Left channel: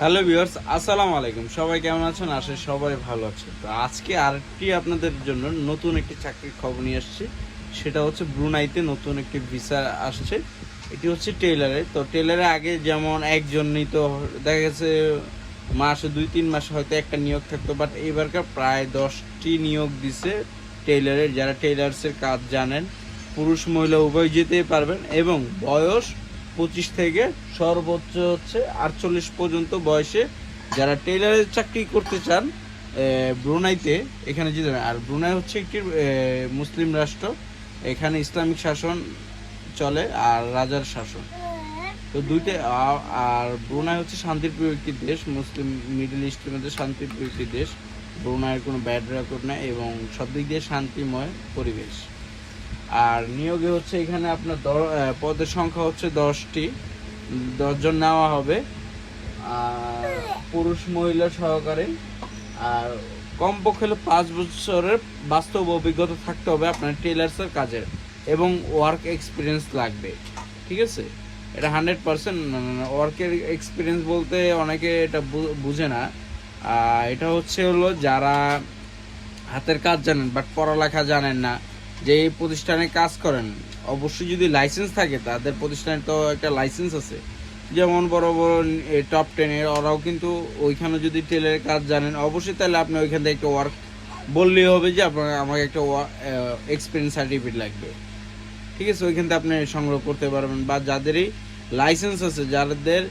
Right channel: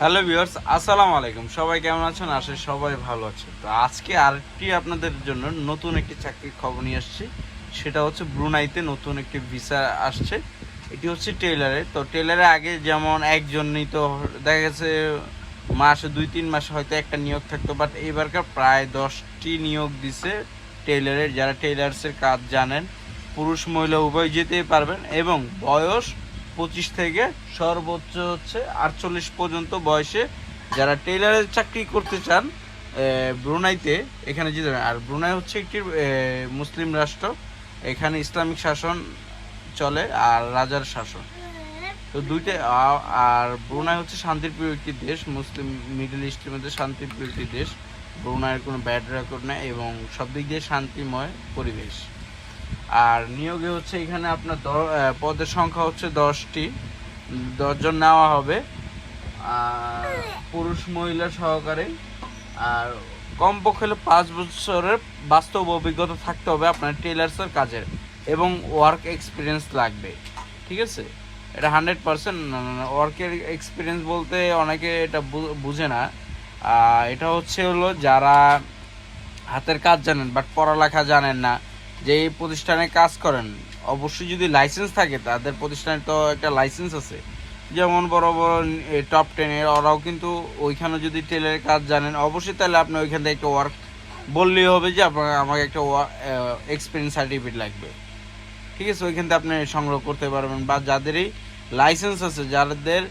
Hello viewers আসসালামু আলাইকুম। সবাই কেমন আছেন? আসে সবাই ভালো আছে তো আজকে আরেকটি আপনাদের জন্য নতুন একটি চাকরির খবর নিয়ে আসছি। সেটা হচ্ছে ব্রুনাইতে নতুন একটি ভিসা আসছে। এটি হচ্ছে টেলারে তো টেলারে আগে যেমন একজন তো দেখা গেছে মাসে দুই, তিন মাসে হয়তো একটা নিয়োগ থাকতো বাট এবারকার প্রায় দশটি নিয়োগ দিছে টেলারের যারা টেলার্সের কাজ জানেন। পুরুষ, মহিলা, উভয় যেতেই পারবেন। এবং বয়স পঁচিশ থেকে সর্বোচ্চ হচ্ছে আটচল্লিশ পর্যন্ত বয়সে যারা টেলারের চাকরি করতে চান ব্রুনাইতে, এখানে যেতে। আর ব্রুনাই হচ্ছে একটি মুসলিম রাষ্ট্র, এখানে ইসলামিক শাসন চলে আর রাজার শাসন তো দুইটা আর ব্রুনাই হচ্ছে শান্তিপ্রিয় একটি দেশ, মুসলিম মিডল ইস্টের মধ্যে শান্তিপ্রিয় একটি দেশ ব্রুনাইয়ের কোনো ব্যাড রেকর্ড নেই এবং সব দিক দিয়ে শান্তিময় পরিবেশ আর নিয়োগে হচ্ছে এখানে আপনার পদের সংখ্যা হচ্ছে দশটি। দশজন নেওয়া হবে। আর পুরুষ মহিলা সহকারে। আর কমপক্ষে পাঁচ বছরের বাস্তব অভিজ্ঞতা থাকতে হবে আপনার টেলার্সের কাজের। এবং ওয়ার্ক এক্সপিরিয়েন্স লাগবে। ঠিক আছে? এটা হান্ড্রেড পার্সেন্ট ওয়ার্কের এক্সপিরিয়েন্স বলতে অনেকে এটা বুঝে না। এটা হচ্ছে হলো যারা হাতের কাজ জানেন বাট পড়ালেখা জানেন না। যে এই প্রতিষ্ঠানে কাজ করেন, অবশ্যই যদি লাইসেন্স থাকে, তাদের প্রতিষ্ঠানে তো একটা লাইসেন্স আছে। যেমন বড় বড় টপ টেনের ওরাও কিন্তু ওইখানে যদি টেলের কাজ জানেন, অবশ্যই তাহলে আপনি ওইখান থেকে একটা ওয়ার্ক বললেই হবে যে আপনার, আমাকে একটা এক্সপিরিয়েন্স সার্টিফিকেট লাগবে। ঠিক আছে, ওইখান থেকে আপনি সংগ্রহ করতে পারবেন। বা যাদেরই লাইসেন্স আছে, যাদের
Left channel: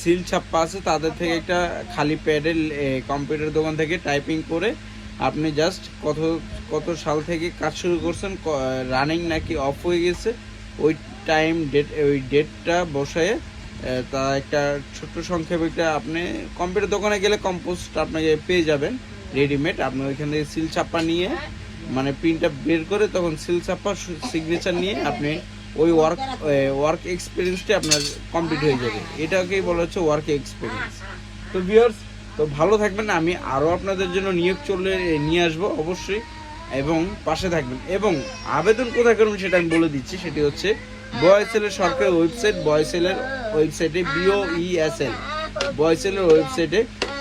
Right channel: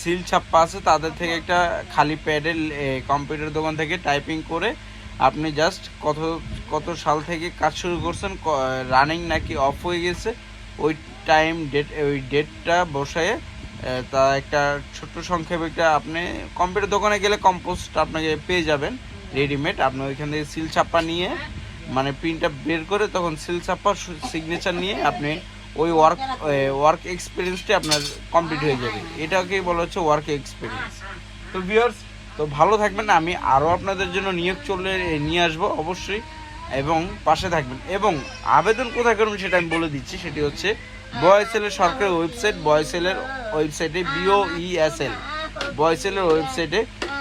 সিল ছাপ্পা আছে, তাদের থেকে একটা খালি প্যাডের কম্পিউটার দোকান থেকে টাইপিং করে আপনি জাস্ট কত কত সাল থেকে কাজ শুরু করছেন রানিং নাকি অফ হয়ে গেছে, ওই টাইম ডেট ওই ডেটটা বসায় তা একটা ছোট্ট সংক্ষেপে একটা আপনি কম্পিউটার দোকানে গেলে কম্পোস্ট আপনাকে পেয়ে যাবেন রেডিমেড আপনি ওইখান থেকে সিল ছাপ্পা নিয়ে মানে প্রিন্টটা বের করে তখন সিল ছাপ্পা সিগনেচার নিয়ে আপনি ওই ওয়ার্ক ওয়ার্ক এক্সপিরিয়েন্সটি আপনার কমপ্লিট হয়ে যাবে। এটাকেই বলা হচ্ছে ওয়ার্ক এক্সপিরিয়েন্স তো ভিউয়ার্স তো ভালো থাকবেন, আমি আরও আপনাদের জন্য নিয়োগ চলে নিয়ে আসব অবশ্যই, এবং পাশে থাকবেন। এবং আবেদন কোথায় করবেন সেটা আমি বলে দিচ্ছি, সেটি হচ্ছে বয়সেলের সরকারি ওয়েবসাইট বয়সেলের ওয়েবসাইটে বিওইএসএল বয়সেলের ওয়েবসাইটে।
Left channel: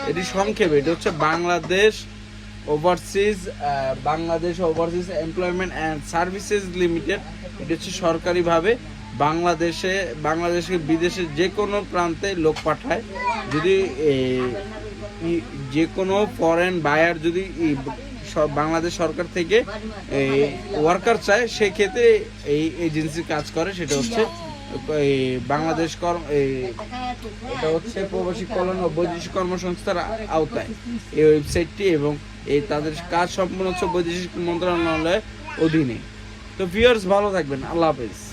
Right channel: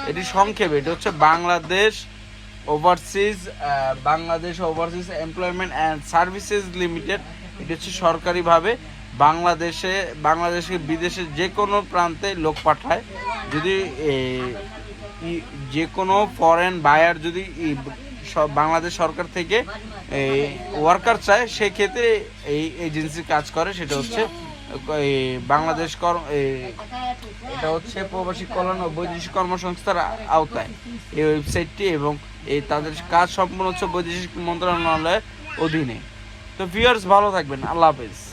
এটি সংক্ষেপে, এটি হচ্ছে Bangladesh overseas Bangladesh overseas employment and services limited. এটি হচ্ছে সরকারিভাবে বাংলাদেশে, বাংলাদেশকে বিদেশের যে কোনো প্রান্তে লোক পাঠায়। যদি যে কোনো ফরেন বায়ার যদি বাংলাদেশ সরকার থেকে ওয়ার্কার চায়, সেক্ষেত্রে এই এজেন্সি কাজ করে, সেটা হচ্ছে বাংলাদেশ এই- এটা হচ্ছে প্রবাসী কল্যাণ ও বৈদেশিক কর্মসংস্থার আওতায়। এই ওয়েবসাইটটি এবং এই তাদের কাজ সম্পূর্ণ হচ্ছে বৈদেশিক মন্ত্রণালয়ের অধীনে। তো ভিউয়ার্স ভালো থাকবেন। আল্লাহ হাফেজ।